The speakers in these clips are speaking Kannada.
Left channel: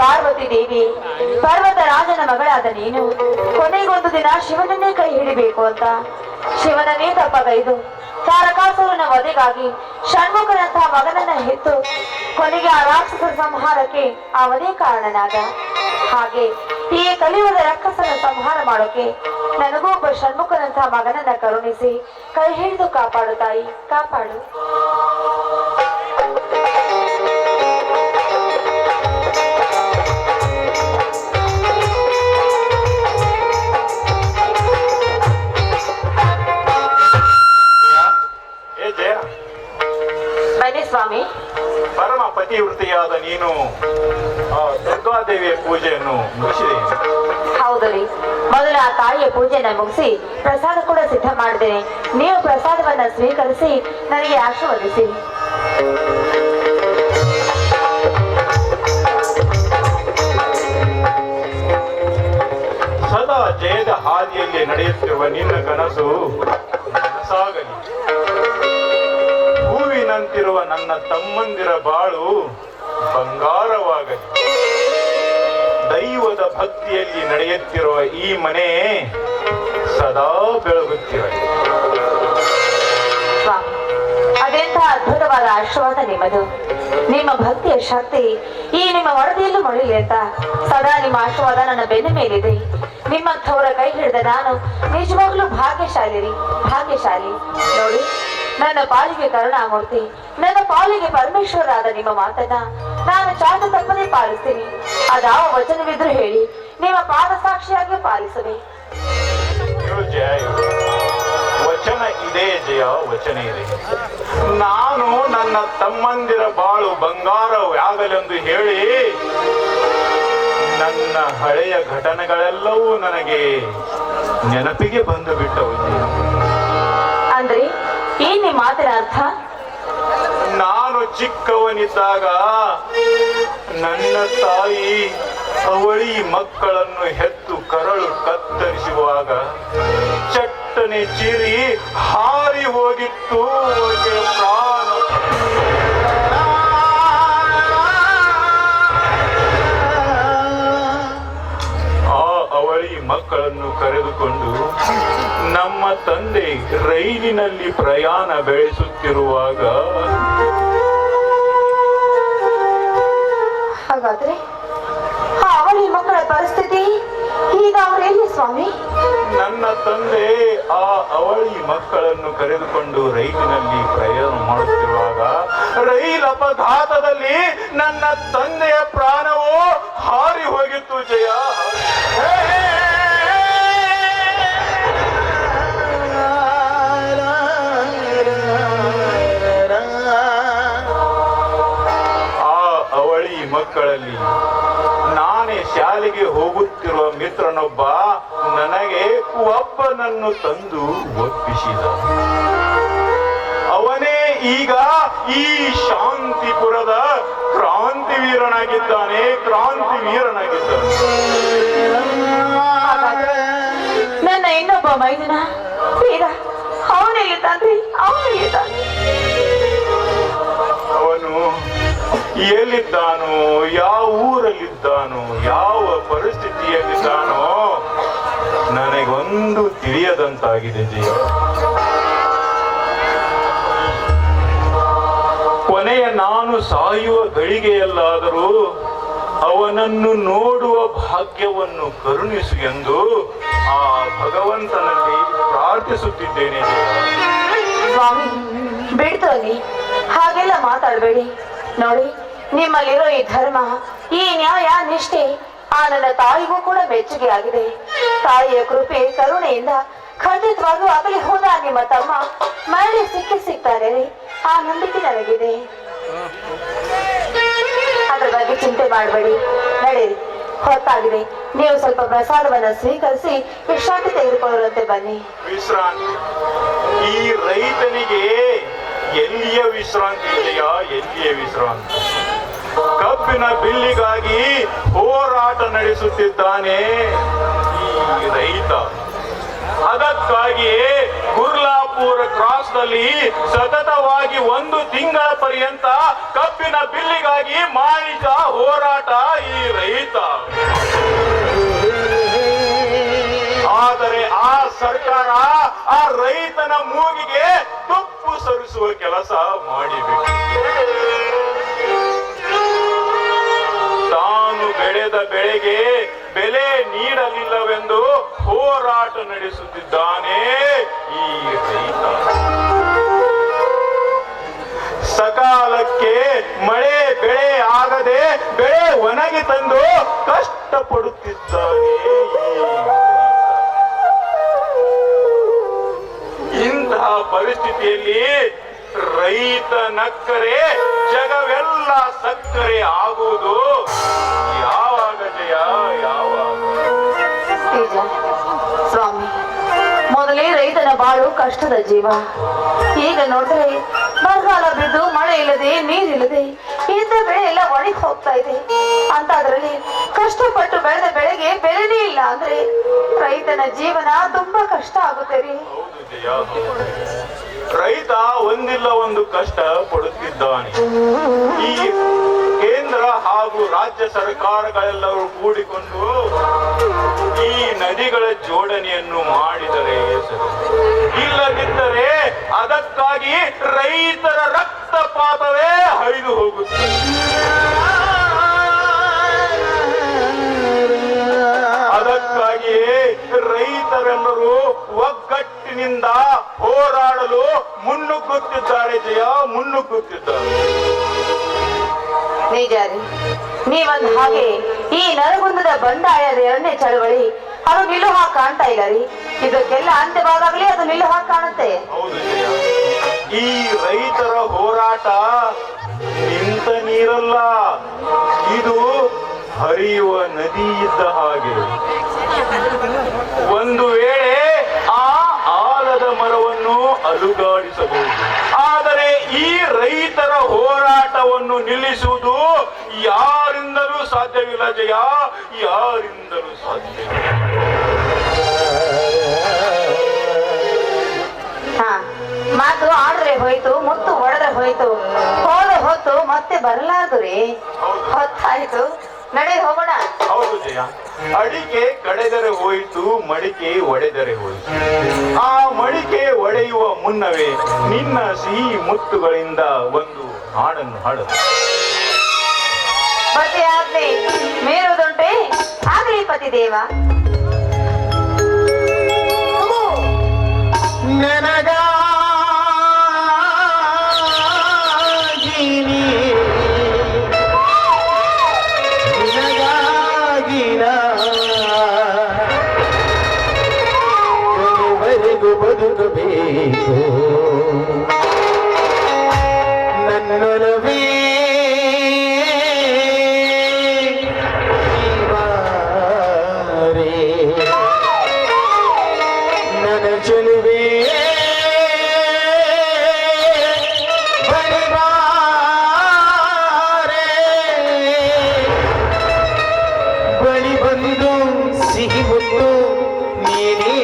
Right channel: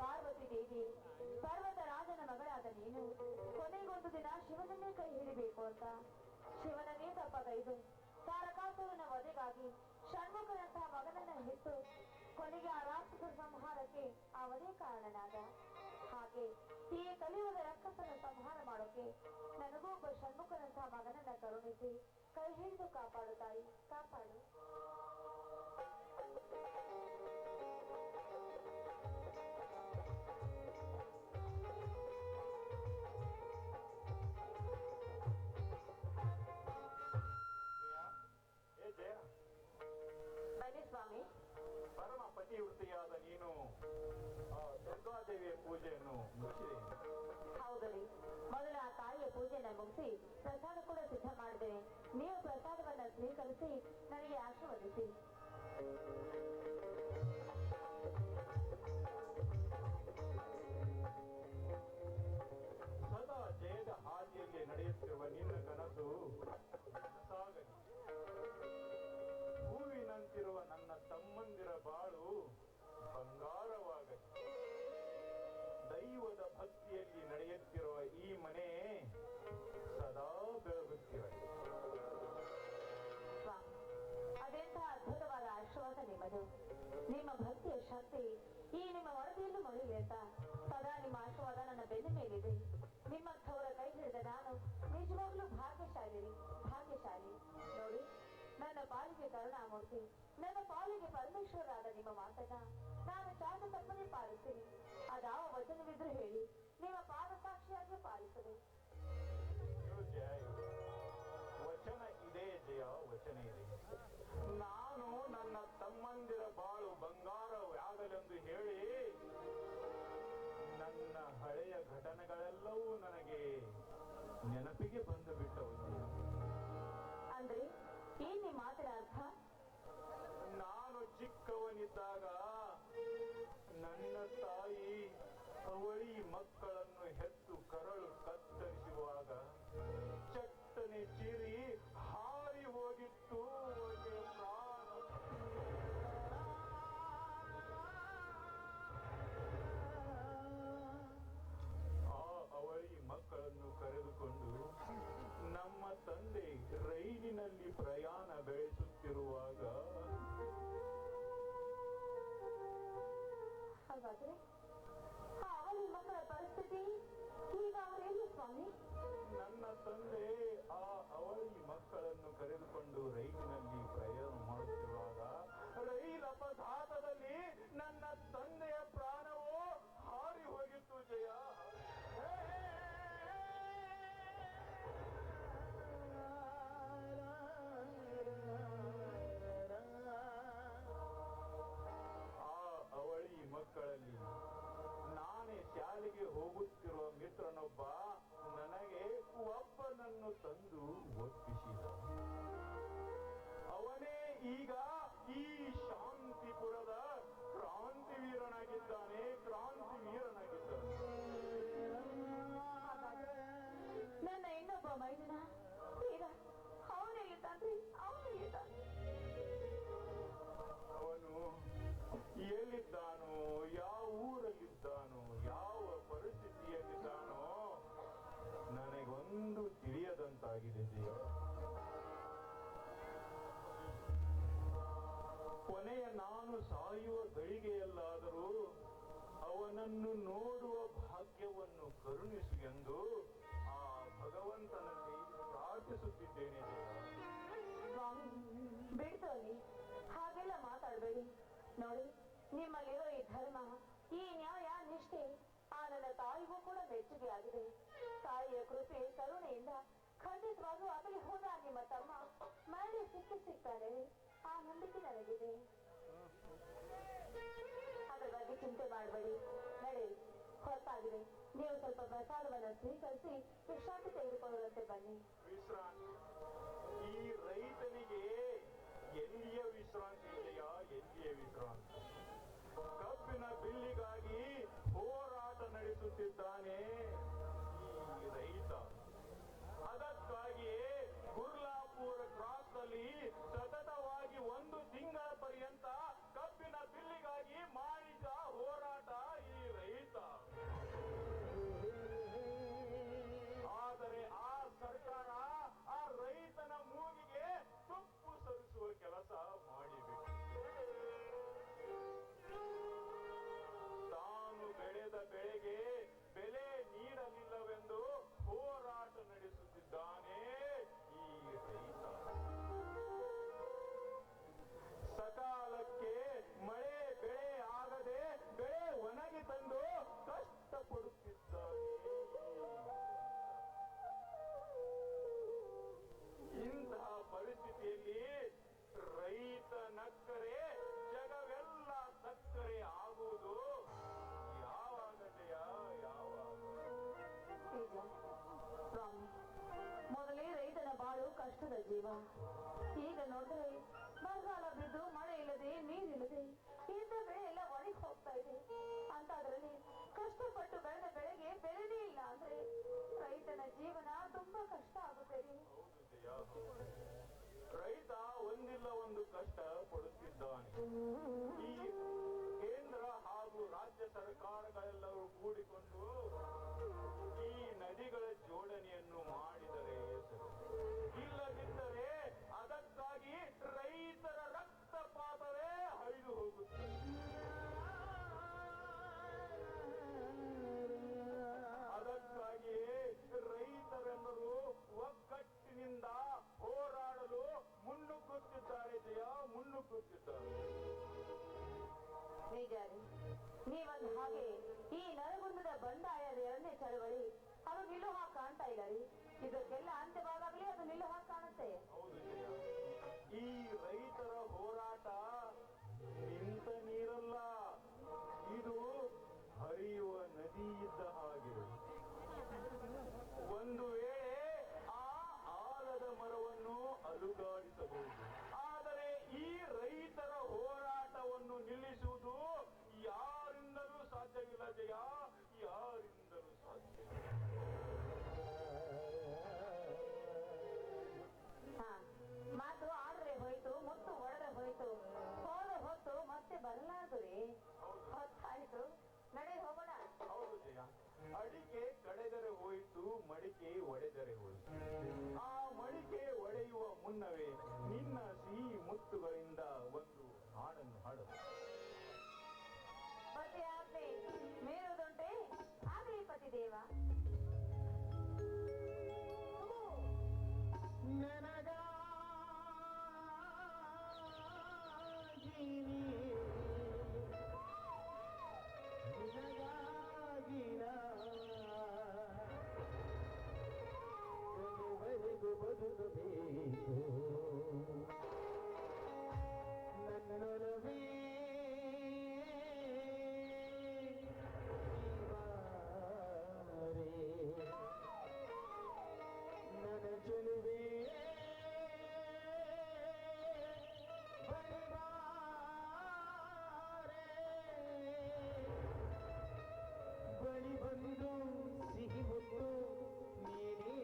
ಪಾರ್ವತಿ ದೇವಿ ಪರ್ವತ ರಾಜನ ಮಗಳಾದ ನೀನು ಕೊನೆಗೊಂದು ದಿನ ಶಿವನನ್ನೇ ಕೈ ಹಿಡಿಬೇಕು ಅಂತ ಶಿವನನ್ನೇ ತಪ್ಪಗೈದು ತಾರಕಾಸುರನ ವಧೆಗಾಗಿ ಷಣ್ಮುಖನಂತಹ ಮಗನನ್ನ ಹೆತ್ತು ಕೊನೆಗೆ ಆ ರಾಕ್ಷಸರ ಸಂಹಾರಕ್ಕೆ ಅವನೇ ಕಾರಣನಾದ. ಹಾಗೆ ಈ ಕಲಿಯುಗದ ರಾಕ್ಷಸನ ಸಂಹಾರ ಮಾಡೋಕೆ ನನಗೂ ಒಬ್ಬ ಷಣ್ಮುಖನಂತಹ ಮಗನನ್ನ ಕರುಣಿಸಿ ಕೈ ಹಿಡಿದು ಕಾಪಾಡು ತಾಯಿ, ಕಾಪಾಡು. ಬನ್ನಿ ಸ್ವಾಮಿ. ಪರಮ ಪತಿವೃತಿಯಾದ ನೀನು ಆ ದುರ್ಗಾದೇವಿಯ ಪೂಜೆಯನ್ನು ಮುಗಿಸಿದೆ. ಹೌದು ರೀ, ಮೊದಲು ಆ ತಾಯಿಯ ಪೂಜೆನ ಮುಗಿಸಿ ಪ್ರಸಾದ ಕೂಡ ಸಿದ್ಧ ಮಾಡಿದ್ದೇನೆ. ನೀವು ಪ್ರಸಾದವನ್ನ ಸ್ವೀಕರಿಸಿ ನನಗೆ ಆಶೀರ್ವದಿಸಿ. ಸದಾ ಜಯದ ಹಾದಿಯಲ್ಲಿ ನಡೆಯುತ್ತಿರುವ ನಿನ್ನ ಕನಸು ನನಸಾಗಲಿ. ಹೂವಿನಂತಿರುವ ನನ್ನ ತಮ್ಮಂದಿರ ಬಾಳು ಬಂಗಾರವಾಗಲಿ. ದೈವದ ಭಕ್ತಿಯಲ್ಲಿ ನಡೆಯುತ್ತಿರುವ ಈ ಮನೆ ಸದಾ ಬೆಳಗುತ್ತಿರಲಿ. ಸ್ವಾಮಿ, ಅದೆಂಥ ಅದ್ಭುತವಾದ ಆಶೀರ್ವಾದ ನಿಮ್ಮದು. ನಿಮ್ಮ ಭಕ್ತಿಯ ಶಕ್ತಿ ಈ ನಿಮ್ಮ ವರದಿಯಲ್ಲೂ ಮೊಳಲಿ ಅಂತ ಸದಾ ನಿಮ್ಮ ಆಶೀರ್ವಾದ ನನ್ನ ಬೆನ್ನ ಮೇಲಿದೆ. ನಿಮ್ಮಂಥವರ ಕೈ ಹಿಡಿದ ನಾನು ನಿಜವಾಗ್ಲೂ ಭಾಗ್ಯಶಾಲಿ ರೀ, ಭಾಗ್ಯಶಾಲಿ. ನೋಡಿ, ನನ್ನ ಪಾಲಿಗೆ ಕರುಣಾಮೂರ್ತಿ, ನನ್ನ ಪಾಲಿಗೆ ಪರಮೇಶ್ವರಾದ ನಿಮ್ಮ ಮಾತನ್ನ ನಾನು ಚಾಚು ತಪ್ಪದೇ ಪಾಲಿಸ್ತೀನಿ. ಅದಾವ ವಚನವಿದ್ರು ಹೇಳಿ ನಿಮ್ಮ ಪಾದ ಸಾಕ್ಷಿಯಾಗಿ ಪಾಲಿಸುವೆ. ವಚನ ಇದೆ ಜಯ, ವಚನ ಇದೆ. ನಾನು ನನ್ನ ತಮ್ಮಂದಿರ ಬಾಳು ಬಂಗಾರವಾಗಲೆಂದು ಹೇಳಿ ನನ್ನ ಹಳೆಯ ಘಟನೆಗಳೆಲ್ಲವೂ ನನಗೆ ನೆನಪಿಗೆ ಬಂದು ಬಿಟ್ಟವು. ಅಂದ್ರೆ ಏನ್ ನಿಮ್ಮ ಮಾತಿನ ಅರ್ಥ? ನಾನು ಚಿಕ್ಕವನಿದ್ದಾಗ ನನ್ನ ತಾಯಿ ಅವಳಿ ಮಕ್ಕಳನ್ನು ಹೆತ್ತು ಕರಳು ಕತ್ತರಿಸುವಾಗ ಚಟ್ಟನೆ ಚೀರಿ ಹಾರಿ ಹೋಗಿತ್ತು ಪ್ರಾಣ. ಆ ಅವಳಿ ಮಕ್ಕಳನ್ನು ಕರೆದುಕೊಂಡು ನಮ್ಮ ತಂದೆ ರೈಲಿನಲ್ಲಿ ಪ್ರಯಾಣ ಬೆಳೆಸುತ್ತಿರುವಾಗ, ಹಾಗಾದ್ರೆ ಆ ಅವಳಿ ಮಕ್ಕಳ ಪರಿಸ್ಥಿತಿ ಈಗ ಅವರೆಲ್ಲಿ ಸ್ವಾಮಿ? ನನ್ನ ತಂದೆ ಆ ಅವಳಿ ಮಕ್ಕಳನ್ನು ಕರೆದುಕೊಂಡು ರೈಲಿನಲ್ಲಿ ಪ್ರಯಾಣ ಮಾಡುತ್ತಿರುವಾಗ ರೈಲ್ ಅಪಘಾತದಲ್ಲಿ ನನ್ನ ತಂದೆಯ ಪ್ರಾಣವು ಹಾರಿ ಹೋಗಿತ್ತು ಜಯ. ಮಕ್ಕಳಲ್ಲಿ ನಾನೇ ಶಾಲೆಗೆ ಹೋಗುತ್ತಿರುವ ಮಿತ್ರನೊಬ್ಬ ನನಗೆ ಒಬ್ಬನನ್ನು ತಂದು ಒಪ್ಪಿಸಿದ. ಅವನೇ ಈಗ ಈ ಶಾಂತಿಪುರದ ಕ್ರಾಂತಿವೀರನಾಗಿದ್ದಾನೆ, ಕ್ರಾಂತಿವೀರನಾಗಿದ್ದಾನೆ. ನನ್ನ ಇನ್ನೊಬ್ಬ ಮೈದನ ವೀರ ಅವನಿದ್ದಾನ್ರಿ, ಅವನಿದ್ದಾನೆ. ಅವನು ಎಲ್ಲಿದ್ದಾನೋ, ಯಾವ ಊರಲ್ಲಿದ್ದಾನೋ, ಯಾವ ಪರಿಸ್ಥಿತಿಯಲ್ಲಿದ್ದಾನೋ ನನಗೊಂದು ತಿಳಿಯದಂತಾಗಿದೆ ಜೀವ. ಕೊನೆಯ ನಾನು ಸಾಯುವ ಗಳಿಗೆಯಲ್ಲಾದರೂ ಅವನನ್ನು ನೋಡುವ ಭಾಗ್ಯವನ್ನು ಕರುಣಿಸು ಎಂದು ಆ ಭಗವಂತನಲ್ಲಿ ಪ್ರಾರ್ಥಿಸುತ್ತಿದ್ದೇನೆ. ಸ್ವಾಮಿ, ಬಿಡ್ತೋನಿ, ಹಾಗೆಲ್ಲ ಮಾತಾಡಬೇಡಿ. ನೋಡಿ, ನಿಮ್ಮಲ್ಲಿರೋ ಈ ಧರ್ಮ, ಈ ನ್ಯಾಯ, ನಿಷ್ಠೆ ಆ ನನ್ನ ತಾಯಿಗೂ ಕೂಡ ಮೆಚ್ಚುಗೆ ಆಗಿದೆ. ತಾಯಿಯ ಕೃಪೆ ಕರುಣೆಯಿಂದ ಖಂಡಿತವಾಗೂ ಆಗಲಿ ಹೋದ ನಿಮ್ಮ ತಮ್ಮ ಮರಳಿ ಸಿಗ್ತಾರೆ, ಆ ನಂಬಿಕೆ ನನಗಿದೆ. ಅದ್ರ ಬಗ್ಗೆ ಚಿಂತೆ ಮಾಡಬೇಡಿ, ನಡೆಯಿರಿ, ಹೊತ್ತಾಗಿದೆ. ನೀವು ಸ್ವಲ್ಪ ಪ್ರಸಾದವನ್ನ ಸ್ವೀಕರಿಸಿ ವಿಶ್ರಾಂತಿ ತೆಗೆದುಕೊಳ್ಳುವಂತೆ ಬನ್ನಿ. ವಿಶ್ರಾಂತಿ? ಈ ರೈತನಿಗೆ ಎಲ್ಲಿಯ ವಿಶ್ರಾಂತಿ ಇದೆಯಾ? ಎಲ್ಲಿಯ ವಿಶ್ರಾಂತಿ? ಕಬ್ಬಿನ ಬಿಲ್ಲಿಗಾಗಿ ಹೋರಾಟ ನಡೆಸುತ್ತಿದ್ದಾನೆ ಈ ರೈತ. ಅದಕ್ಕಾಗಿಯೇ ಗುರ್ಲಾಪುರ ಕ್ರಾಸ್ನಲ್ಲಿ ಸತತವಾಗಿ 1 ತಿಂಗಳ ಪರ್ಯಂತ ಕಬ್ಬಿನ ಬಿಲ್ಲಿಗಾಗಿ ಮಾಡಿದ ಹೋರಾಟ ಈ ರೈತ. ಆದರೆ ಆ ಸರ್ಕಾರ ಆ ರೈತನ ಮೂಗಿಗೆ ತುಪ್ಪು ಸರಿಸುವ ಕೆಲಸ ಮಾಡಿಬೇಕು. ತಾನು ಬೆಳೆದ ಬೆಳೆಗೆ ಬೆಲೆ ನೀಡಲಿಲ್ಲವೆಂದು ಹೋರಾಟ ನಡೆಸುತ್ತಿದ್ದಾನೆ ಈ ರೈತ. ಸಕಾಲಕ್ಕೆ ಮಳೆ ಬೆಳೆ ಆಗದೆ ಬೆಳೆ ಒಣಗಿ ತಂದು ಕಷ್ಟಪಡುತ್ತಿದ್ದಾನೆ ಈ ರೈತ. ಇಂತಹ ಪರಿಸ್ಥಿತಿಯಲ್ಲಿ ರೈತ ನಕ್ಕರೆ ಜಗವೆಲ್ಲ ಸಕ್ಕರೆ ಆಗುವುದು ಯಾವಾಗ ಜಯ, ಯಾವಾಗ? ನಿಜ ಸ್ವಾಮಿ, ಮೊದಲೇ ರೈತನ ಬಾಳು ಕಷ್ಟದ ಜೀವ. ಈಗ ನೋಡಿದ್ರೆ ಬರಗಾಲ ಬಿದ್ದು ಮಳೆ ಇಲ್ಲದೆ ನೀರಿಲ್ಲದೆ ಇದ್ದ ಬೆಳೆ ಎಲ್ಲ ಒಣಗಿ ಹೋಗ್ತಾ ಇದೆ. ಅಂತ ಅದರಲ್ಲಿ ಕಷ್ಟಪಟ್ಟು ಬೆಳೆದ ಬೆಳೆಗೆ ಬೆಲೆನೇ ಇಲ್ಲ ಅಂದ್ರೆ ರೈತನ ಜೀವನ ತುಂಬಾ ಕಷ್ಟ ಆಗುತ್ತೆ ರೀ. ರೈತ ಒಂದಿಲ್ಲ ಒಂದು ಕಷ್ಟ ಪಡುತ್ತಿದ್ದಾನೆ. ಈ ಕೇಂದ್ರ ಹಾಗೂ ರಾಜ್ಯ ಸರ್ಕಾರಗಳೆಲ್ಲರೂ ಕೂಡಿಕೊಂಡು ಈ ನದಿಗಳ ಜೋಡಣೆಯನ್ನು ಮಾಡಿದರೆ ಸರಿ. ಇಲ್ಲದಿದ್ದರೆ ಅದಕ್ಕಾಗಿ ರೈತರ ರಕ್ತಪಾತವೇ ಹರಿದು ಹೋಗುತ್ತದೆ. ಅದಕ್ಕಾಗಿಯೇ ರೈತರೆಲ್ಲರೂ ಒಗ್ಗಟ್ಟಿನಿಂದ ಹೋರಾಡಲು ಮುನ್ನುಗ್ಗುತ್ತಿದ್ದಾರೆ ಜಯ, ಮುನ್ನುಗ್ಗುತ್ತಿದ್ದಾರೆ. ನಿಜ ರೀ, ನೀವಂದ ಹಾಗೆ ಈ ನರಗುಂದದ ಬಂಡಾಯದ 2ನೇ ಚಳವಳಿ ಅದು ನಿಲ್ಲು ಹಾಗೆ ಕಾಣ್ತಾ ಇಲ್ಲ ರೀ. ಇದಕ್ಕೆಲ್ಲ ಅಂತ್ಯವಾದಾಗಲೇ ಅದು ನಿಲ್ಲು ಹಾಗೆ ಕಾಣುತ್ತೆ. ಹೌದು ಜಯ, ಈ ರೈತರ ಹೋರಾಟ ನಿಂತ ನೀರಲ್ಲ, ಇದು ಹರಿಯುವ ನದಿ ಇದ್ದ ಹಾಗೆ. ಒಂದು ವೇಳೆ ಆ ಆಲದ ಮರವನ್ನು ಅಲುಗಾಡಿಸಬಹುದು, ಆದರೆ ಈ ರೈತರ ಹೋರಾಟವನ್ನು ನಿಲ್ಲಿಸುವುದು ಯಾರಿಂದಲೂ ಸಾಧ್ಯವಿಲ್ಲ ಜಯ, ಯಾರಿಂದಲೂ ಸಾಧ್ಯವಿಲ್ಲ. ಮಾತು ಆಡ್ರೆ ಹೋಯ್ತು, ಮುತ್ತು ಹೊಡೆದ್ರೆ ಹೋಯ್ತು, ಹೋದ ಹೊತ್ತು ಮತ್ತೆ ಬರಲಾರ್ದು ರೀ. ಹೊತ್ತಾಯ್ತು, ನಡೆ ಹೋಗೋಣ. ಹೌದು ಜಯ, ಅಡಿಕೆ ಕಡೆದರೆ ಹೋಯಿತು, ಮಡಿಕೆ ಒಡೆದರೆ ಹೋಯಿತು. ಆ ಮಡಿಕೆ ಒಡೆಯುವ ಮುನ್ನವೇ ನಿನ್ನ ಸಿಹಿ ಮುತ್ತುಗಳಿಂದ ಒಂದು ಹಾಡನ್ನು ಹಾಡದು. ಪತಿ ಆಜ್ಞೆ ಮೀರುವುದುಂಟೆ ಆಗಲಿ ಪತಿ ದೇವ. ಬದುಕಬೇಕು ನನ್ನೊಲವೇ ನನ್ನ ಚೆಲುವೆ ಬಳಿ ಬಂದು ಸಿಹಿ ಮುತ್ತು ನೀನೇ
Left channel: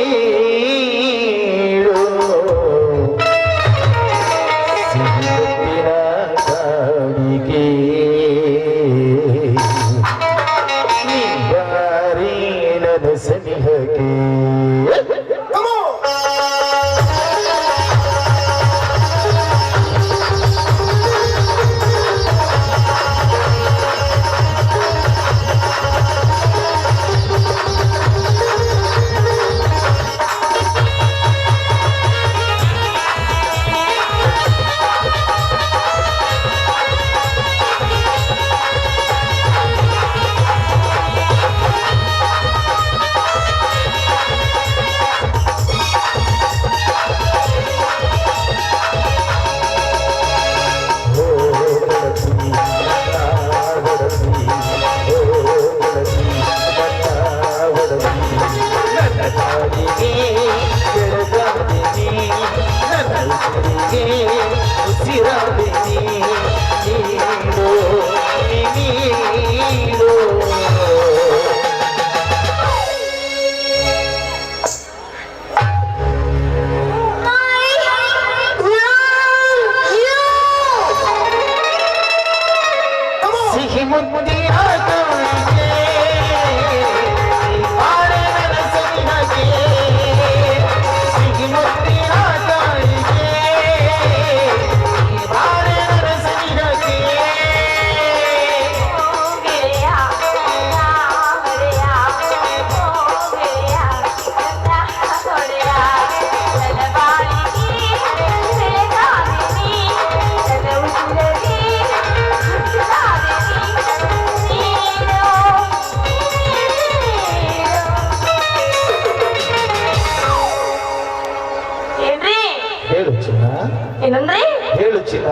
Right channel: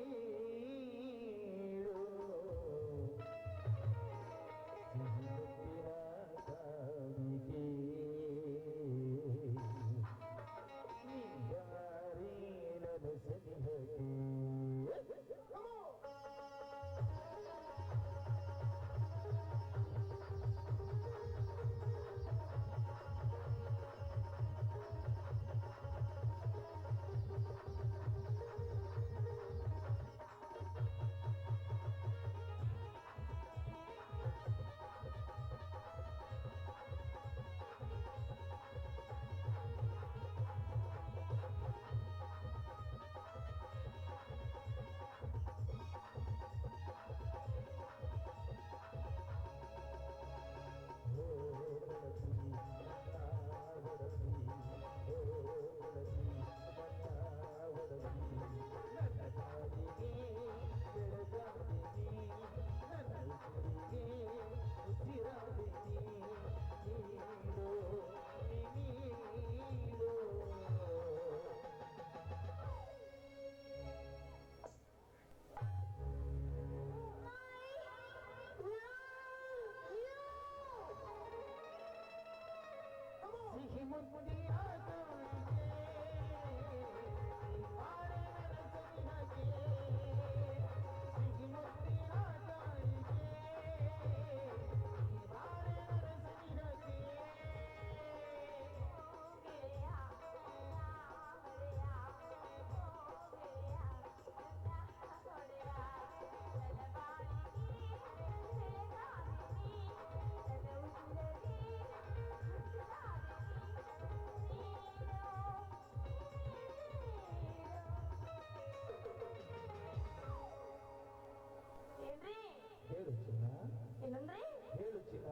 ಏನಂದ್ರೆ ಹೇಳು ಚಿನ್ನ.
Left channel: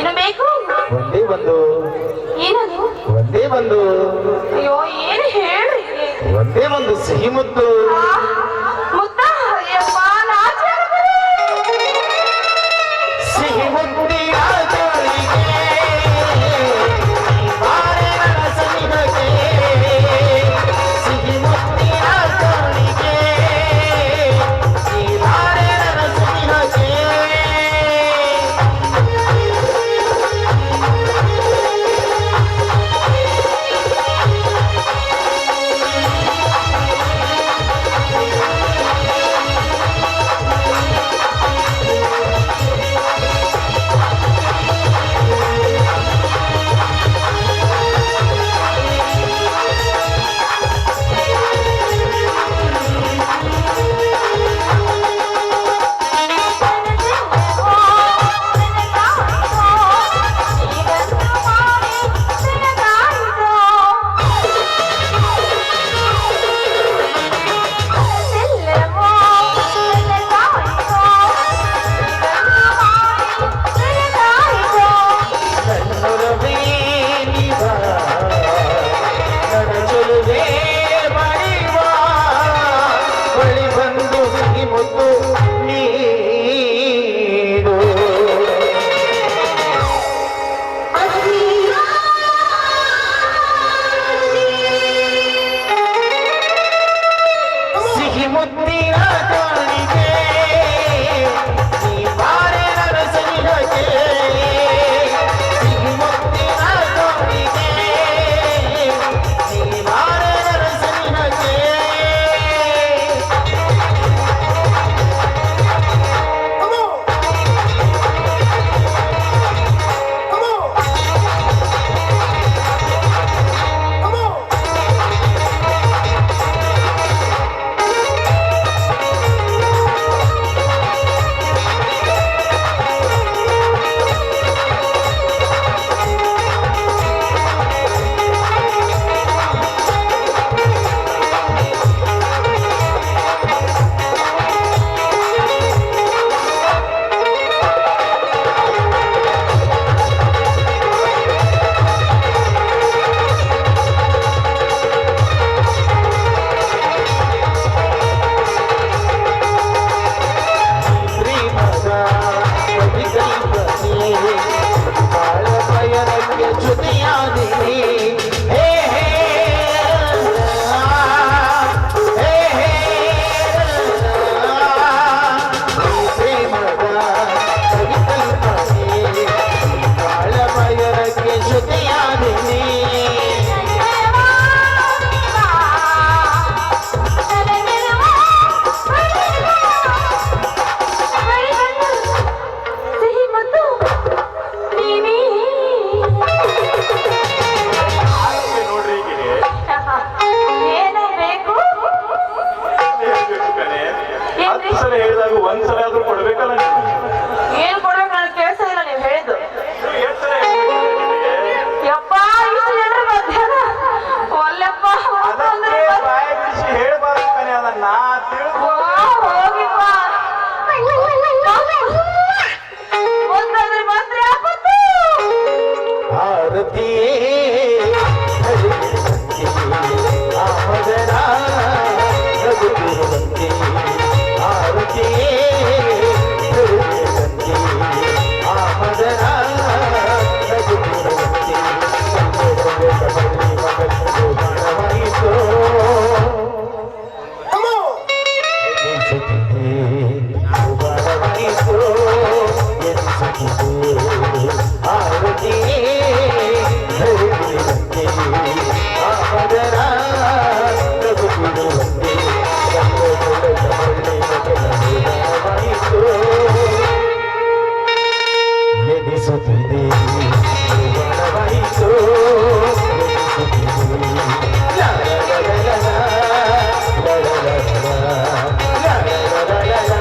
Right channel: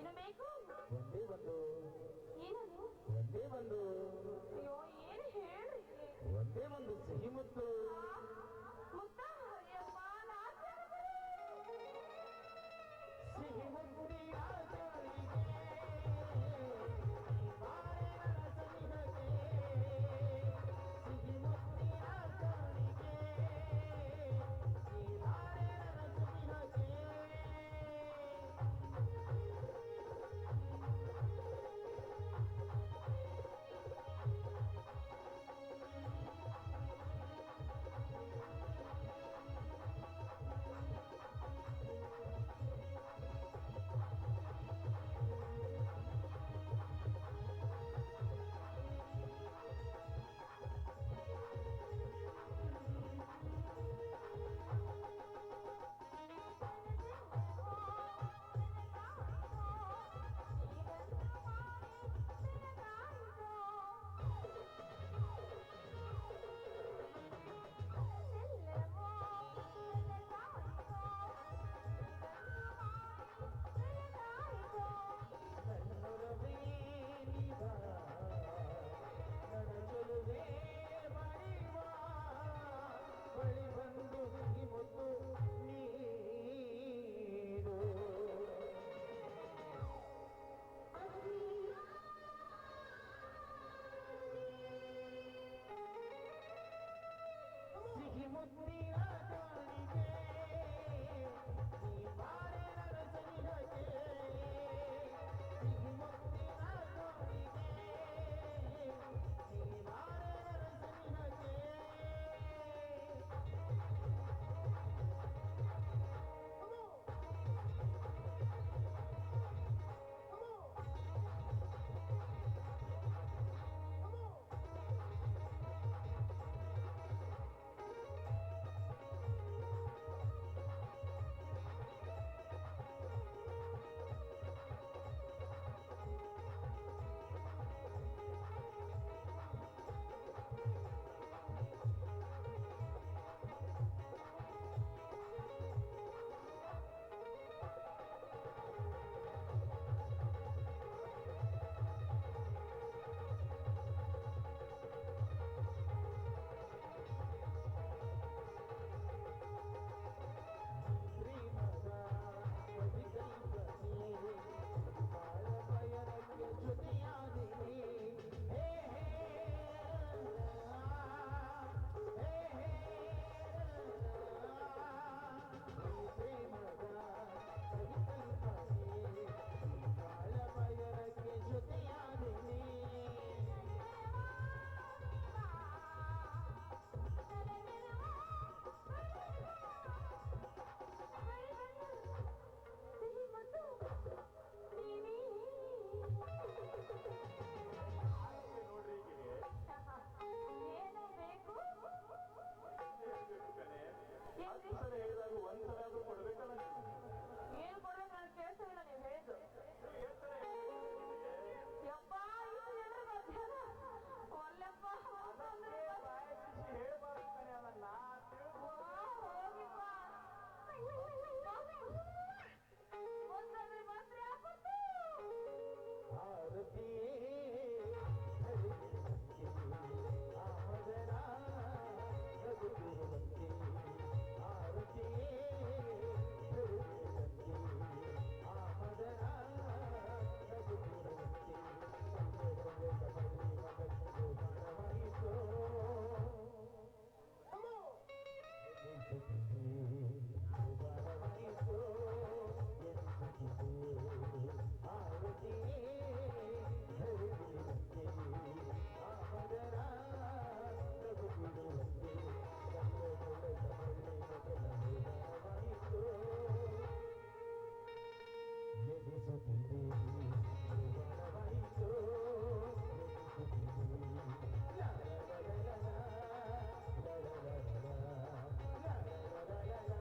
ಏನು ಬೇಕು? ಒಂದೇ ಒಂದು ಏನದು? ಒಂದೇ ಒಂದು ಅಯ್ಯೋ ಏನು ಹೇಳ್ರಿ? ಒಂದೇ ಒಂದು ಸಿಹಿ ಮುತ್ತು. ಮುತ್ತ ಅಯ್ಯಪ್ಪ ನಾಚೆ ಆಗ್ತದೆ. ಸಿಹಿ ಮುತ್ತಿನ ಜೋಳಿಗೆ ಬಾರೆ ನನ್ನ ಸನಿಹಕ್ಕೆ. ಸಿಹಿ ಮುತ್ತಿನ ಜೋಳಿಗೆ ಈ ಬಾರೆ ನನ್ನ ಸನಿಹಕ್ಕೆ. ನನ್ನೊಲವೇ ನೀ ಬಾ, ನನ್ನ ಚೆಲುವೆ ಬಳಿವ, ಬಳಿ ಬಂದು ಸಿಹಿ ಮುತ್ತು ನೀಡು. ಸಿಹಿ ಮುತ್ತಿನ ಜೋಳಿಗೆ ನೀ ಬಾರೆ ನನ್ನ ಸನಿಹಕ್ಕೆ. ಸಿಹಿ ಮುತ್ತಿನ ಜೋಳಿಗೆ ನೀ ಬಾರೆ ನನ್ನ ಸನಿಹಕ್ಕೆ. ಪ್ರೇಮದ ಕವಿಕಲ್ಪನೆ ಬಾಳ ಪಯಣಕ್ಕೆ ಜೊತೆಯಾದೆ. ಹೇ ಹೇ ಹೇ ಹೇ ಪ್ರೇಮದ ಕವಿಕಲ್ಪನೆ ಬಾಳ ಪಯಣಕ್ಕೆ ಜೊತೆಯಾದೆ. ಸಿಹಿ ಮುತ್ತು ನೀನೇ. ಹಾಗೆ ನೋಡ್ರಿ ಈಗಿಗೆ ಏನು ಬೇಕು? ಹೇಳ್ಬೇಕು ಕಣೆ. 10 ಸಲ ಹೇಳಿದಾಗ ಒಂದ್ಸಲ ಆದ್ರೂ ಕೊಡ್ಬೇಕಲ್ಲ ನೀವು. ಏನ್ ಕೊಡ್ಬೇಕು ನನಗೆ ಕೇಳಿಸ ಇಲ್ಲ ನೀವು ಹೇಳಿದ್ದು. ನೀವು ಎಷ್ಟ್ ಸಲ ಹೇಳ್ಬೇಕು ನಿನಗೆ? ಯಪ್ಪ ಇಷ್ಟು ಜನರ ಮಧ್ಯಾಹ್ನ ಒಲ್ಲೆಪ್ಪ ಅದಕ್ಕೆ ಬಾಯಿ ಬಿಡಿಸಿ ಹೇಳ್ಬಾರ್ದು ಕಣೆ, ಅದನ್ನ ತಿಳಿದು ಹೋಗಿಪ್ಪ ಮುಂದಾದ್ರೆ ಮಾತ್ರ ಆಪತ್ತು. ಆರತಿಯೇ ಹರಿಯುವಂತೆ ಆಮದನ ರಘುಗುರುವಂತೆ. ಆರತಿಯೇ ಹರಿಯುವಂತೆ ಆಮದನ ರಘುಗುರುವಂತೆ. ಮಗನಿಗೆ ಬಾಣವಾಯಿತು ಎನಿಸುತ್ತಿದೆ, ಬಾಣವಾಯಿತು ಎನಿಸುತ್ತಿದೆ. ಆರತಿಯೇ ಹರಿಯುವಂತೆ ಆಮದನ ರಘುಗುರುವಂತೆ. ಬಾಣವಾಯಿತು ಎನಿಸುತ್ತಿದೆ, ಬಾಣವಾಯಿತು ಎನಿಸುತ್ತಿದೆ. ಲಾ ಲಾ ಲಾ ಲಾ ಲಾ, ಲಾ ಲಾ ಲಾ ಲಾ, ಲಾ ಲಾ ಲಾ ಲಾ ಲಾ.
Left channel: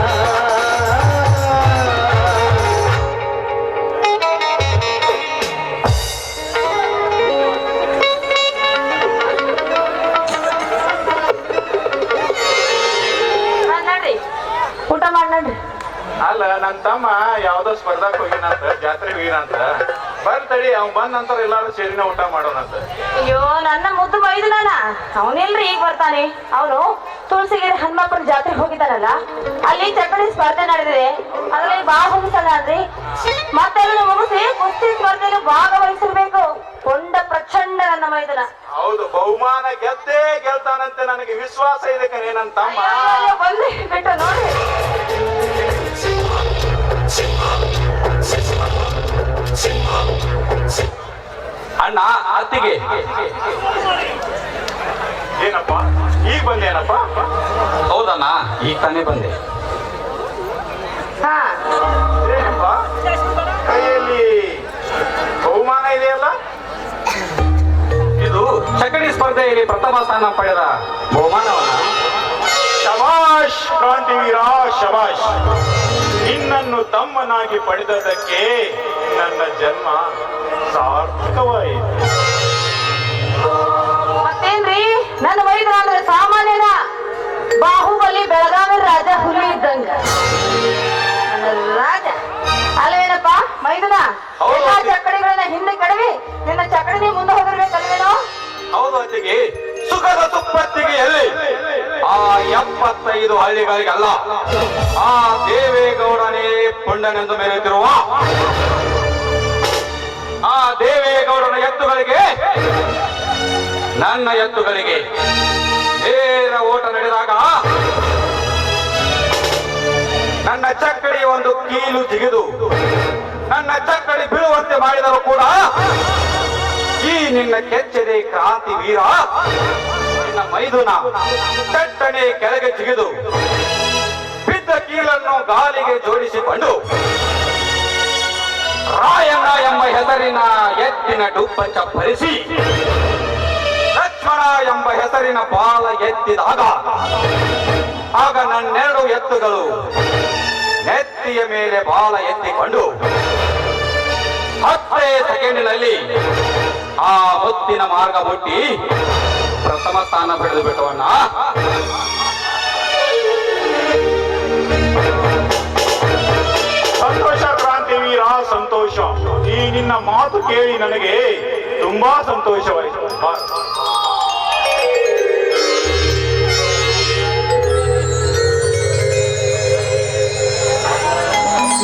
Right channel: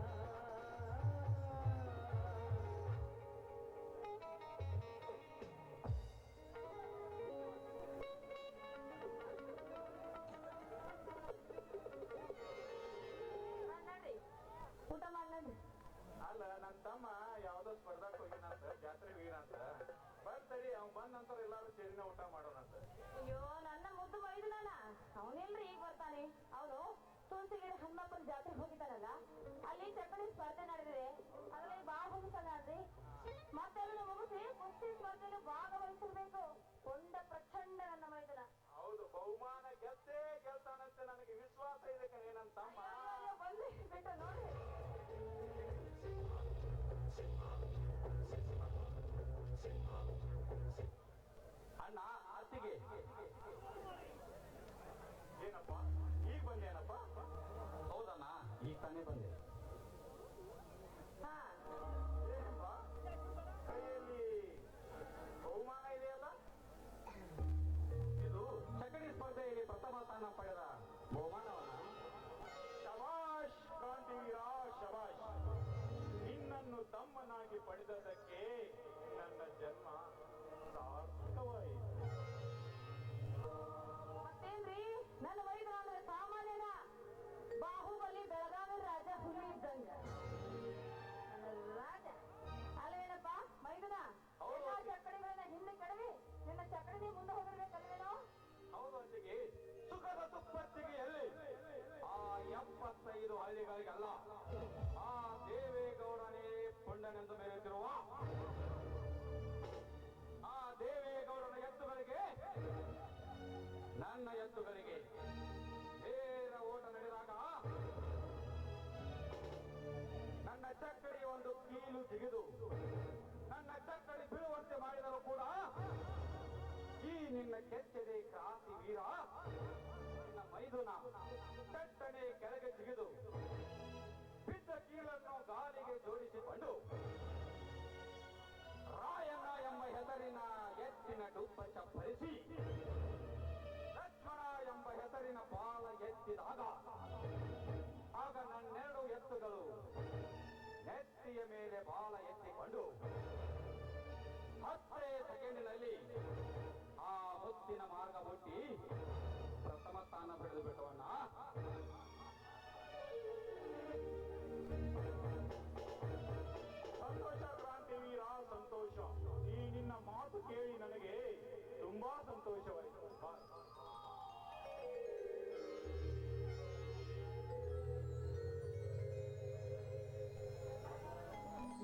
ನಡ್ರಿ ಊಟ ಮಾಡಿ ನಡ್ರಿ. ಅಲ್ಲ ನನ್ನ ತಮ್ಮ ಯಾವ್ದೋ ಸ್ಪರ್ಧಾಕ್ ಹೋಗಿನಂತ ಜಾತ್ರೆಗೆ ಹೋಗಿನಂತ ಬರ್ತಡಿ ಅವ್ನ್ ಬಂದ ನಂತರ ಎಲ್ಲಾರು ಸೇರಿನ ಊಟ ಮಾಡೋಣಂತ. ಅಯ್ಯೋ ನನ್ನ ಮುದ್ದು ಮೈದನಾನ ಅವನೆಲ್ರಿ ಈಗ ಬರ್ತಾನೆ. ಅವನು ತುಳಸಿಗೆರೆ ಹನುಮಪ್ಪನ ಜಾತ್ರೆಗೆ ಹೋಗಿದ್ದಾನಲ್ಲ, ಅಲ್ಲಿ ಚಕ್ಕಡಿ ಸ್ಪರ್ಧೆ ನಡೆದಿದೆ. ಅದ್ರಲ್ಲಿ ಭಾಗವಹಿಸಲ್ಲ ಅಂದ್ರಿ, ಮತ್ತೆಲ್ಲ ಮುಗಿಸಿ ಕುಸ್ತಿ ಸ್ಪರ್ಧೆಯಲ್ಲಿ ಭಾಗವಹಿಸಿರ್ಬೇಕು. ಕೊಂಡ ಪ್ರಚಂಡ ನನ್ನ ಮೈದನ. ಹೌದು, ಬಹುಮಾನ ಗೆದ್ದೇ ಗೆಲ್ತಾನಂತೆ ನನಗೆ ವಿಶ್ವಾಸ ಇದೆ ಕಣೆ ನನ್ನ ತಮ್ಮ. ಅಯ್ಯೋ, ಬಂದ್ರಿ ಬಿಟ್ಟು ನೋಡಿ. ಅಣ್ಣ ಅತ್ತಿಗೆ ಏನಪ್ಪ ಈಗ ಬಂದೇನಪ್ಪ? ಹೌದಣ್ಣ, ಈಗ ತಾನೇ ಬಂದೆ. ಹಾ, ಏನಪ್ಪ ಕೈಯಲ್ಲಿ ಬಹುಮಾನ ಇದೆಯಲ್ಲ? ಇದು ಚಕಡಿ ಸ್ಪರ್ಧೆಯಲ್ಲಿ ಪ್ರಥಮ ಸ್ಥಾನ ಪಡೆದ ಬಹುಮಾನವನ್ನ. ಶಬಾಷ್ ಕ್ರಾಂತಿವೀರ, ಶಬಾಷ್. ನಿನ್ನನ್ನು ತಮ್ಮನಾಗಿ ಪಡೆದದಕ್ಕೆ ನನ್ನ ಜನ್ಮ ಸಾರ್ಥಕವಾಯಿತು. ಮತ್ತೇನ್ರಿ ನನ್ನ ಮೈದನ ಅಂದ್ರೆ ಸಾಮಾನ್ಯನ. ಬಾಹುಬಲಿ ಬೆಳಗಾವಿ ರಾಜ ಹುಲಿ ಇದ್ದಂಗ ನನ್ನ ರಾಜ ಅಲ್ವೇನಪ್ಪ ಮೈದನ? ಹೌದು. ಎಲ್ಲಾ ಚಕ್ಕಡಿಗಳನ್ನ ಹಿಂದೆ ಕಡವಿ ನಿನ್ನ ಚಕ್ಕಡಿ ಮುಂದೆ ಹೋಗಿರ್ಬೇಕಲ್ವೇನೋ? ಹೌದು ಅತ್ತಿಗೆ, ಸುಖದ ಸುಪ್ಪತ್ತಿಗೆ ಎಲ್ಲಿ ಆ 75 ಹಳ್ಳಿಗಳಿಗಲ್ಲ, ಆ ದೇವೇಗೌಡನೇ ಪುಂಡನೆಂದು ಮೆರೆಯುತ್ತಿರುವ ಆ ದೇವೇಗೌಡನ ಎತ್ತುಗಳಿಗೆ ನನ್ನ ಎತ್ತುಗಳಿಗೆ ನೇರ ಓಟ ನಡೆದಾಗ ನನ್ನ ಚಕ್ಕಡಿ ಒಂದು ಕೀಲು ಜಿಗಿದು ನನ್ನ ಚಕ್ಕಡಿ ಬೀಳುವಂತೆ ಮಾಡಿದರೂ ಕೂಡ ಈ ನಿನ್ನ ಕೆಚ್ಚದೆ ಕ್ರಾಂತಿ ವೀರ, ನಿನ್ನ ಮೈದುನ ಚಟ್ಟನೆ ಕೆಳಗೆ ಜಿಗಿದು ಬಿದ್ದ ಕೀಲನ್ನು ಗಾಲಿಗೆ ಜೋಡಿಸಿಕೊಂಡು ರಾಯಣ್ಣ ಎಂಬ ಹೆಸರಿನ ಎತ್ತಿನ ಡುಬ್ಬ ಚಪ್ಪರಿಸಿ ಲಕ್ಷ್ಮಣ ಎಂಬ ಹೆಸರಿನ ಬಾಲ ಎತ್ತಿದಾಗ ಆಗ ನನ್ನೆರಡು ಎತ್ತುಗಳು ನೆತ್ತಿಯ ಮೇಲೆ ಬಾಲ ಎತ್ತಿಕೊಂಡು 10 ಸೆಕೆಂಡಿನಲ್ಲಿ ಆ ಮುತ್ತಿನ ಮಾರ್ಗ ಮುಟ್ಟಿ ಪ್ರಥಮ ಸ್ಥಾನ ಪಡೆದು ಬಿಟ್ಟವನ್ನ. ಸಂತೋಷ ಕ್ರಾಂತಿವೀರ, ಸಂತೋಷ. ಈ ನಿನ್ನ ಮಾತು ಕೇಳಿ ನನಗೆ ತುಂಬಾ ಸಂತೋಷವಾಯಿತು.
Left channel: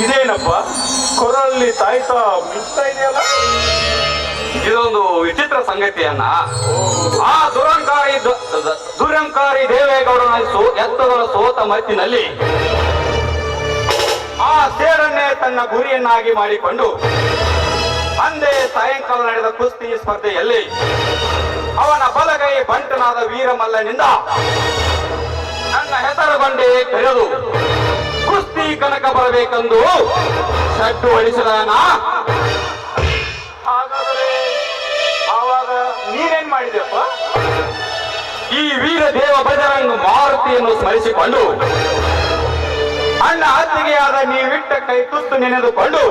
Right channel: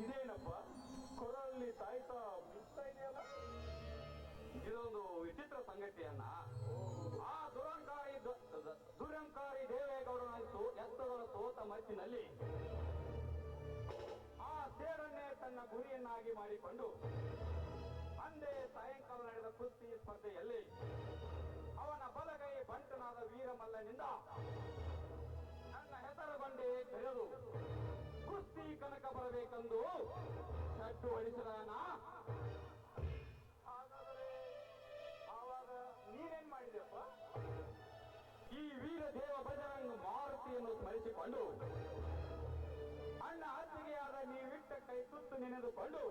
ಇದೇನಪ್ಪ ಕೊರಲ್ಲಿ ತಾಯ್ತಾ ಮಿಡ್ತಾ ಇದೆಯಲ್ಲ? ಇದೊಂದು ವಿಚಿತ್ರ ಸಂಗತಿಯನ್ನ. ಆ ದುರಂಕಾರಿ ದೇವೇಗೌಡನ ಎತ್ತುಗಳ ಸೋತ ಮತ್ತಿನಲ್ಲಿ ಆ ಸೇಡನ್ನೇ ತನ್ನ ಗುರಿಯನ್ನಾಗಿ ಮಾಡಿಕೊಂಡು ಅಂದೇ ಸಾಯಂಕಾಲ ನಡೆದ ಕುಸ್ತಿ ಸ್ಪರ್ಧೆಯಲ್ಲಿ ಅವನ ಬಲಗೈ ಬಂಟನಾದ ವೀರಮಲ್ಲನಿಂದ ನನ್ನ ಹೆಸರು ಬಂಡೆ ಕರೆದು ಕುಸ್ತಿ ಕನಕ ಬರಬೇಕೆಂದು ಸಡ್ಡು ಹೊಡಿಸಿದಾನ. ಹಾಗಾದರೆ ಆವಾಗ ನೀನೇನ್ ಮಾಡಿದೆಪ್ಪ? ಈ ವೀರ ದೇವ ಬಜರಂಗ ಮಾರುತಿಯನ್ನು ಸ್ಮರಿಸಿಕೊಂಡು ಅಣ್ಣ ಅತ್ತಿಗೆಯಾದ ನೀವಿಟ್ಟ ಕೈ ತುತ್ತು ನೆನೆದುಕೊಂಡು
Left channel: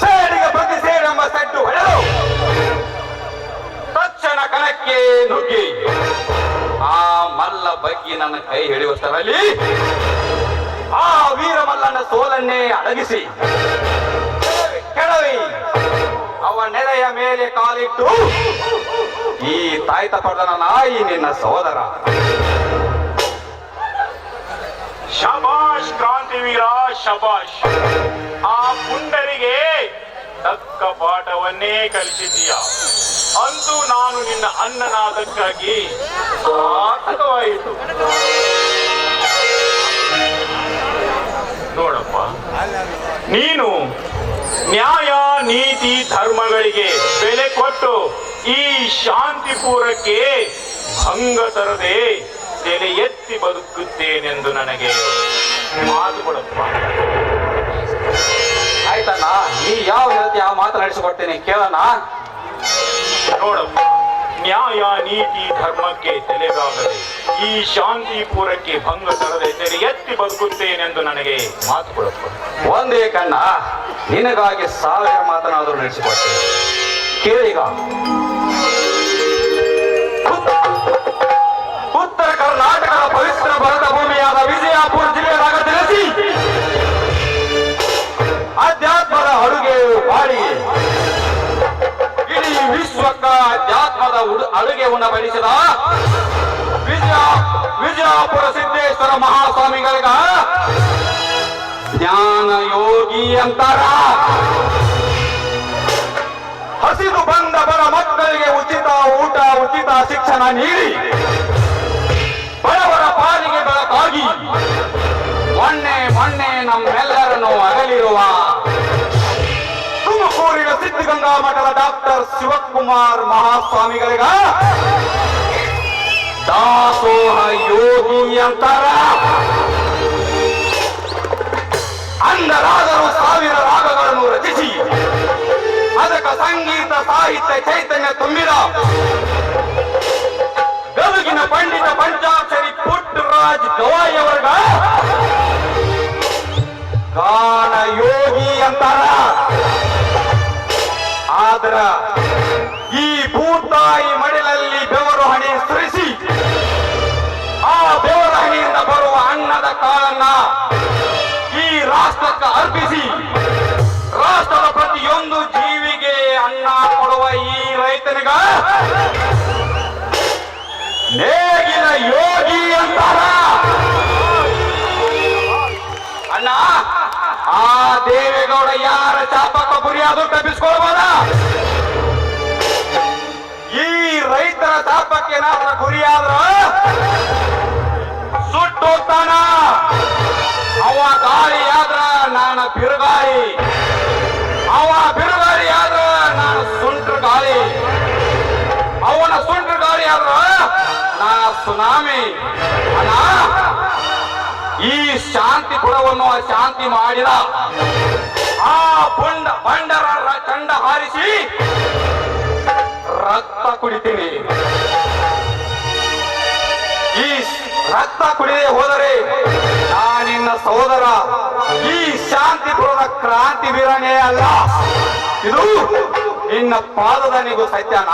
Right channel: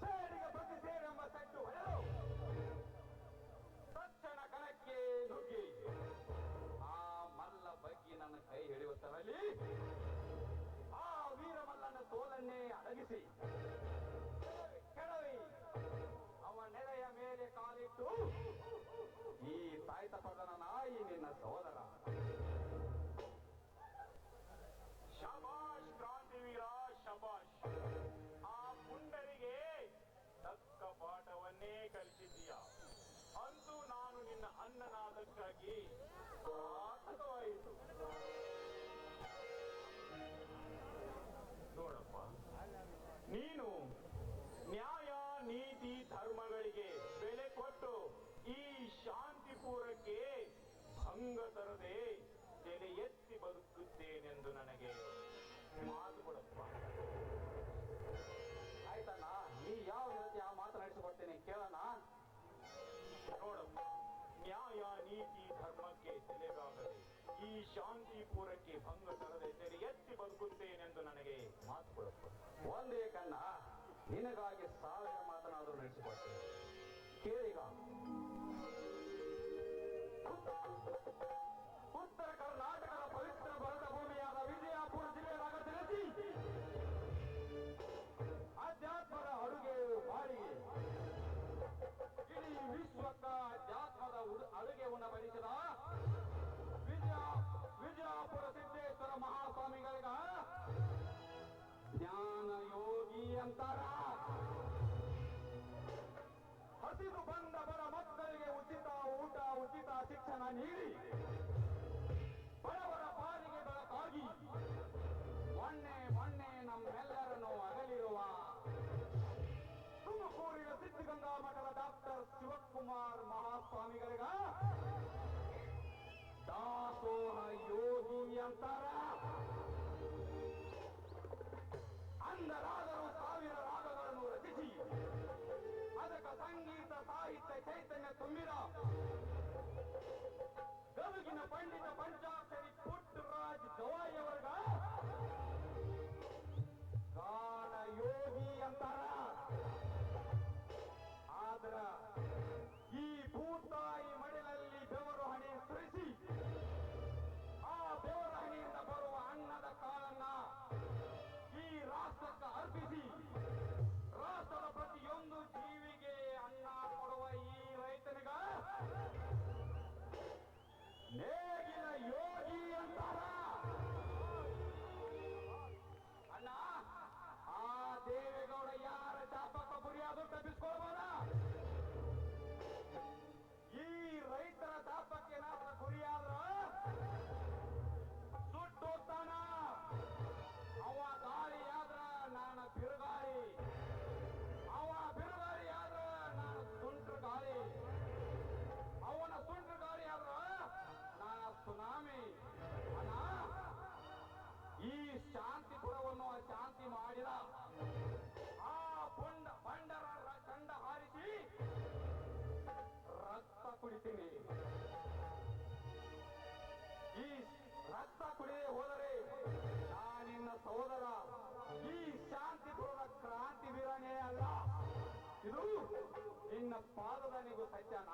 ಸೇಡಿಗೆ ಪ್ರತಿ ಸೇಡೆಂಬ ಸಡ್ಡು ಹೊಡೆದು ತಕ್ಷಣ ಕಣಕ್ಕೆ ನುಗ್ಗಿ ಆ ಮಲ್ಲ ಬಗ್ಗಿ ನನ್ನ ಕೈ ಹಿಡಿಯುವಷ್ಟರಲ್ಲಿ ಆ ವೀರಮಲ್ಲನ ಸೋಲನ್ನೇ ಅಡಗಿಸಿ ಕೆಡವಿ ಅವ ನೆಲೆಯ ಮೇಲೆ ಕಾಲಿಟ್ಟು ಈ ತಾಯ್ತ ಪಡೆದನ ನಾಯಿ ನಿನ್ನ ಸಹೋದರ. ಶಬಾಷ್ ಕ್ರಾಂತಿವೀರ, ಶಬಾಷ್. ಆ ಪುಂಡರಿಗೆ ತಕ್ಕ ಪಾಠವನ್ನೇ ಕಲಿಸಿದ್ದೀಯ. ಅಂತೂ ನಾನು ನಿನ್ನ ಅನ್ನನಾದಕ್ಕಾಗಿ ಸಾರ್ಥಕವಾಯಿತು. ನೋಡಪ್ಪ, ನೀನು ನ್ಯಾಯ ನೀತಿ ಧರ್ಮಗಳಿಗೆ ಬೆಲೆ ಕೊಟ್ಟು ಈ ಶಾಂತಿಪುರಕ್ಕೆ ಭಂಗ ತರದೆ ತಲೆ ಎತ್ತಿ ಬದುಕುತ್ತೇನೆಂದು ನನಗೆ ಮಾತು ಕೊಡಪ್ಪ. ಆಯ್ತಣ್ಣ, ನೀ ಯಾವ ರೀತಿ ಆ ಮಾತನಾಡಿಸಿಕೊಡ್ತೇನೆ ಕೇಳೋಣ. ನೋಡಪ್ಪ, ನ್ಯಾಯ ನೀತಿ ಧರ್ಮಕ್ಕೆ ತಲೆಗಾಗದೆ ಈ ಶಾಂತಿಪುರಕ್ಕೆ ಭಂಗ ತರದೆ ತಲೆ ಎತ್ತಿ ಬದುಕುತ್ತೇನೆಂದು ನನಗೆ ಮಾತು ಕೊಡಪ್ಪ. ಒಂದೇ ಕಣ್ಣ, ನಿನಗಾಗಿ 1000 ಮಾತನಾದರೂ ನಡೆಸಿಕೊಡ್ತೇನೆ ಕೇಳಿಗ. ಉತ್ತರ ಕರ್ನಾಟಕದ ಪವಿತ್ರ ಭರತ ಭೂಮಿಯಾದ ವಿಜಯಪುರ ಜಿಲ್ಲೆಯದಾಗ ತಿಳಿಸಿ ಅಡುಗೆ ಉಣಬಡಿಸಿದ ವಿಜಯಪುರ ಸಿದ್ದೇಶ್ವರ ಮಹಾಸ್ವಾಮಿಗಳಿಗ ಜ್ಞಾನ ಯೋಗಿ ಅಂತಾರ. ಹಸಿದು ಬಂದ ಬಡ ಮಕ್ಕಳಿಗೆ ಉಚಿತ ಊಟ, ಉಚಿತ ಶಿಕ್ಷಣ ನೀಡಿ ಬಡವರ ಪಾಲಿಗೆ ಬೆಳಕಾಗಿ ಮೊನ್ನೆ ನಮ್ಮೆಲ್ಲರನ್ನು ಅಗಲಿರುವ ತುಮಕೂರಿನ ಸಿದ್ಧಗಂಗಾ ಮಠದ ಡಾಕ್ಟರ್ ಶಿವಕುಮಾರ್ ಮಹಾಸ್ವಾಮಿಗಳಿಗ ದಾಸೋಹ ಯೋಗಿ ಅಂತಾರ. ಅಂದರಾದರೂ ಸಾವಿರ ರಾಗಗಳನ್ನು ರಚಿಸಿ ಅದಕ್ಕೆ ಸಂಗೀತ ಸಾಹಿತ್ಯ ಚೈತನ್ಯ ತುಂಬಿದ ಗದುಗಿನ ಪಂಡಿತ ಪಂಚಾಕ್ಷರಿ ಪುಟ್ಟರಾಜ್ ಗವಾಯಿಯವರ್ಗ ಗಾನ ಯೋಗಿ ಅಂತಾರ. ಆದ್ರ ಈ ಭೂತಾಯಿ ಮಡಿಲಲ್ಲಿ ಬೆವರು ಹಣಿ ಸುರಿಸಿ ಆ ಬೆವರ ಹಣಿಯಿಂದ ಬರುವ ಅನ್ನದ ಕಾಳನ್ನ ಈ ರಾಷ್ಟ್ರಕ್ಕೆ ಅರ್ಪಿಸಿ ರಾಷ್ಟ್ರದ ಪ್ರತಿಯೊಂದು ಜೀವಿಗೆ ಅನ್ನ ಕೊಡುವ ಈ ರೈತನಿಗ ನೇಗಿನ ಯೋಗಿ ಅಂತಾರ. ಅಣ್ಣ, ಆ ದೇವೇಗೌಡ ಯಾರ ಚಾಪಕ್ಕ ಗುರಿಯಾದ್ರೂ ತಪ್ಪಿಸ್ಕೊಳ್ಬೋದ? ಈ ರೈತರ ಚಾಪಕ್ಕೆ ಏನಾದ್ರ ಗುರಿಯಾದ್ರ ಸುಟ್ಟೋಗ್ತಾನ. ಅವ ಗಾಳಿ ಆದ್ರ ನಾನು ಬಿರುಗಾಳಿ, ಅವ ಬಿರುಗಾಳಿ ಆದ್ರ ನಾನು ಸುಂಟ್ರ ಗಾಳಿ, ಅವನ ಸುಂಟ್ರ ಗಾಳಿ ಆದ್ರ ನಾ ಸುನಾಮಿ. ಅಣ್ಣ, ಈ ಶಾಂತಿಪುರವನ್ನು ಶಾಂತಿ ಮಾಡಿದ ಆ ಬಂಡರ ಚಂಡ ಹಾರಿಸಿ ರಕ್ತ ಕುಡಿತೀನಿ. ಈ ರಕ್ತ ಕುಡಿದೇ ಹೋದರೆ ನಾನಿನ್ನ ಸಹೋದರ, ಈ ಶಾಂತಿಪುರದ ಕ್ರಾಂತಿ ವೀರನೇ ಅಲ್ಲ, ಇದು ನಿನ್ನ ಪಾದದನಿಗೂ ಸತ್ಯನ.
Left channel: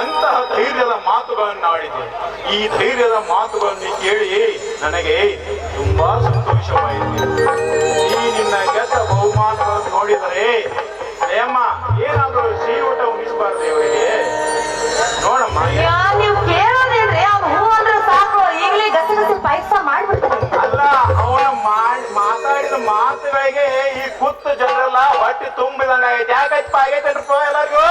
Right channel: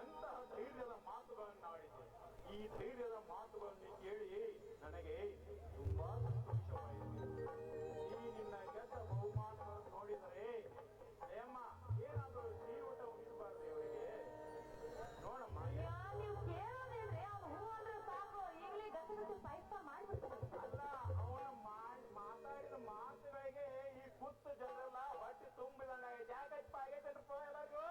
ಎಂತಹ ಧೈರ್ಯದ ಮಾತುಗಳನ್ನು ಆಡಿದೆ. ಈ ಧೈರ್ಯದ ಮಾತುಗಳನ್ನು ಕೇಳಿ ನನಗೆ ತುಂಬಾ ಸಂತೋಷವಾಯಿತು. ಈ ನಿನ್ನ ಗೆದ್ದ ಬಹುಮಾನಗಳನ್ನು ನೋಡಿದರೆ ಅಯ್ಯಮ್ಮ ಏನಾದ್ರೂ ಸಿಹಿ ಊಟ ಉಣಿಸಬಾರ್ದು ಇವರಿಗೆ. ನೋಡಮ್ಮ, ನೀವು ಕೇಳೋದೇನ್ರಿ? ಅವ್ನು ಹೂ ಅಂದ್ರೆ ಸಾಕು, ಈಗಲೇ ಗಸಗಸೆ ಪಾಯಸ ಮಾಡ್ಬಿಡ್ತಾರೆ. ಅಲ್ಲ, ಅವನ ಮಾತಾಡಿದ ಮಾತುಗಳಿಗೆ ಈ ಕೂತು ಜನರೆಲ್ಲ ಹೊಟ್ಟೆ ತುಂಬಿದಂಗ ಯಾಕಪ್ಪ ಆಗೈತೇನ್ರಪ್ಪ ಎಲ್ಲರಿಗೂ?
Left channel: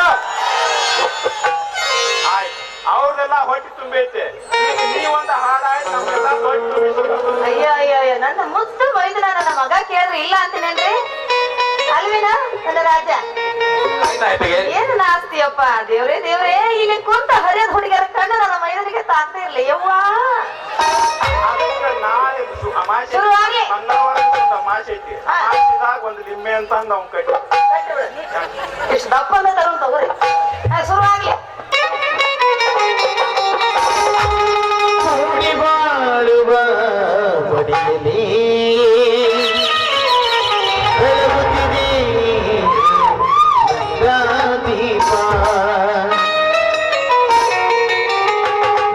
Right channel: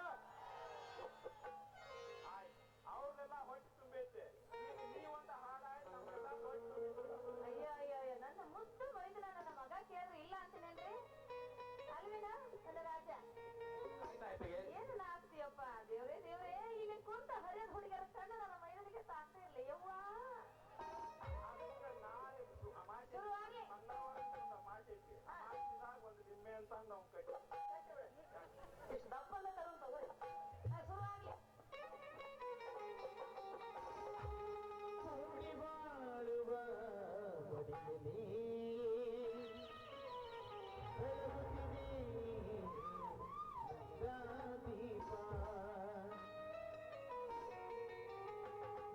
ಆಯ್ತು, ಅವ್ರದೆಲ್ಲ ಹೊಟ್ಟೆ ತುಂಬೈತೆ. ನೀವೊಂದು ಹಾಡಾಯ್ತು, ನಮ್ಗೆಲ್ಲ ಹೊಟ್ಟೆ ತುಂಬಿಸ್ಬೇಕು. ಅಯ್ಯ ನನ್ನ ಮುದ್ದು ವೈದ್ಯನ ನನ್ನ ಮಗ ಕೇಳ್ರಿ ಇಲ್ಲ ಅಂತೀನೇನ್ರಿ? ಅಲ್ವಿನ ನನ್ನ ರಾಜ, ಏನು ನಾಸ್ತಿಯಪ್ಪ? ದೇವ್ರೇ ಇಲ್ಲಿ ಕುಂತ ಹರಿಯದ ಹುಡುಗಿಯರ ಕಣ್ಣು ನನ್ನ ಮೈದನಿಗೆ ತಾಂತ ಇರ್ಲಿ ಯವ್ವ. ನಾಳೆ ಶುರುವಾಗಿ ಅಮಾಸೆ ಐತಿ, ಅಮಾಸಿದಾಗ ಒಂದು ಲಿಂಬೆ ಅಂತ ಅಂದ ಅವ್ನ ಕಟ್ಟಿ ಇಷ್ಟು ದಪ್ಪಂದ ತಗೊಂಡ್ ತಗೋರಿ. ಶುರುವಾಗ್ಲಿ. ಬಾಳುವ ಮಡಿಯಲ್ಲಿ ಬೆಳಗುತ್ತಿದೆ ದೀಪ.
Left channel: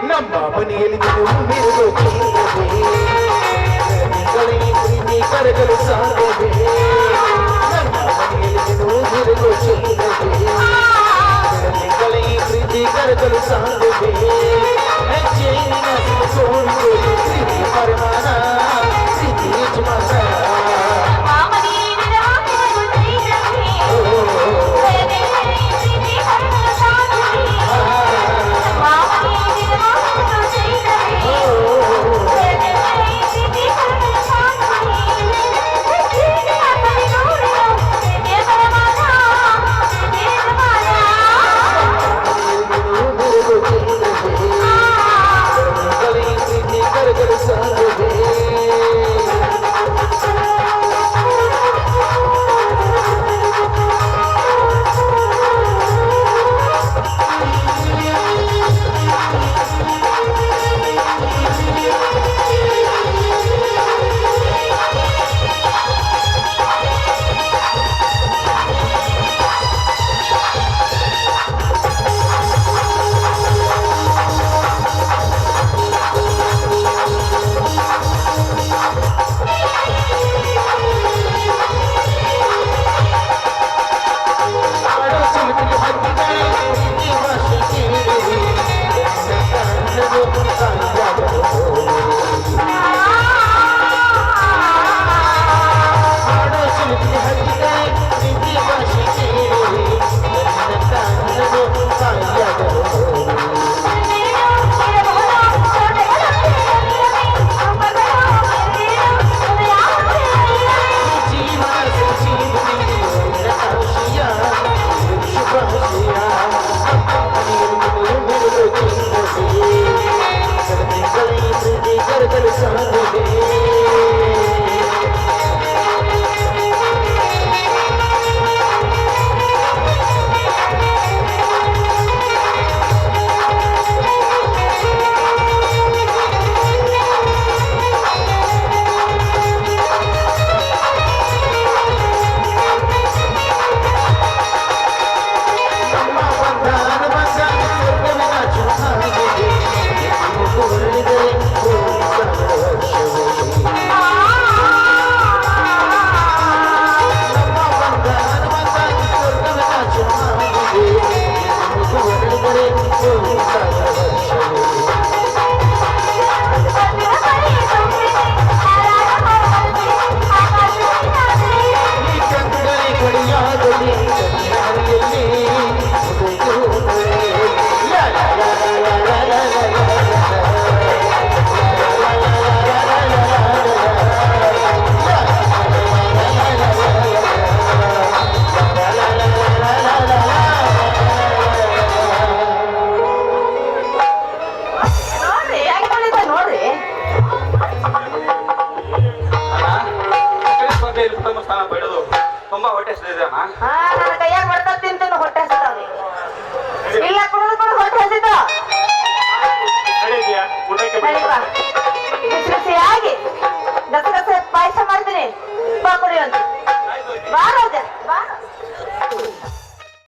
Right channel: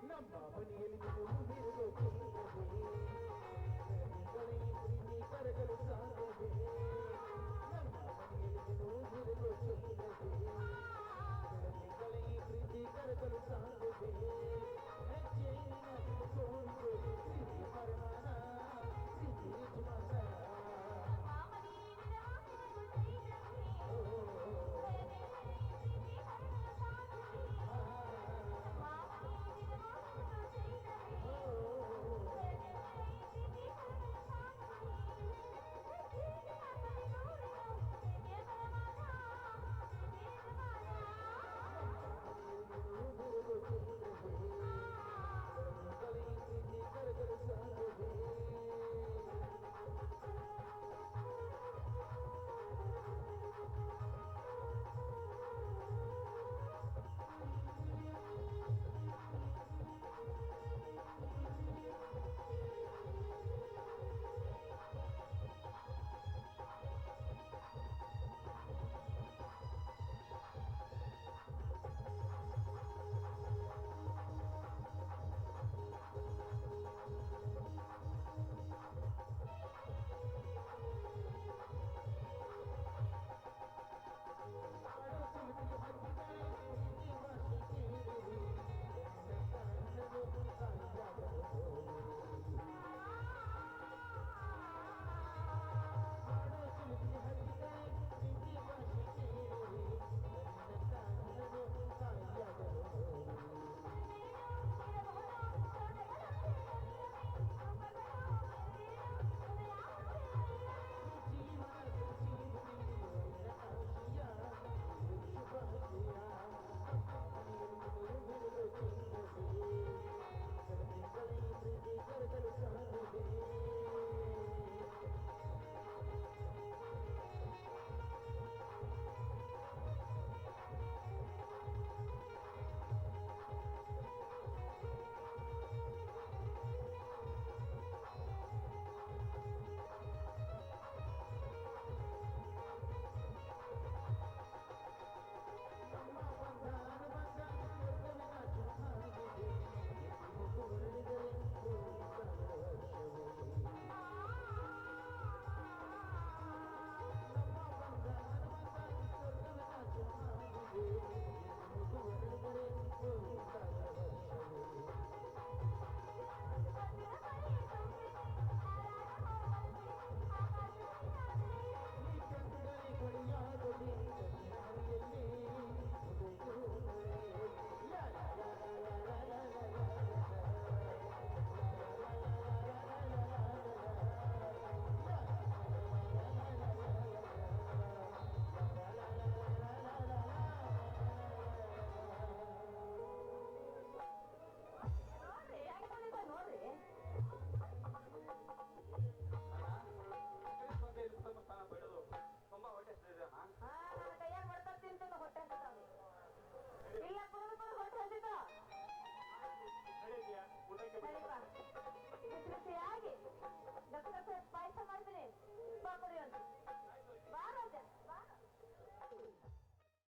ನಮ್ಮ ಮನೆಯಲ್ಲಿ ಮೆರುಗು ಪ್ರೀತಿ ಕರಗಲು ಸಾಧ್ಯವೇ? ನಮ್ಮ ಮನೆಯಲ್ಲಿ ಮೆರುಗು ಪ್ರೀತಿ ಕರಗಲು ಸಾಧ್ಯವೇ? ಪ್ರೀತಿ ಪರಮಾನ ಪ್ರೀತಿ ಯಜಮಾನ. ನೋಡ್ರಿ ಹೆಂಗ್ ಮಾಡಿದ ನೋಡ್ರಿ. ಉತ್ತಮ ಸ್ಥಾನ ಪಡೆದು ತುಂಬಾ ಹೊಟ್ಟೆ ಹಸಿದಿದೆ ಅಣ್ಣ. ಹಾ ನನ್ನ ಕೈಯಾಗ ಬರ್ತಾ ತಿಂತೀನಿ ಹೊಟ್ಟೆ ಹಸಿತಾವ್ರಿ. ಇಲ್ಲ ಕುಡಿದು ಹೊಟ್ಟೆ ಹಸಿತ ನಡೆದ್ಯಾ ಊಟಕ್ಕೆ ಬಿಸಿ ಬಿಸಿಯಾಗಿ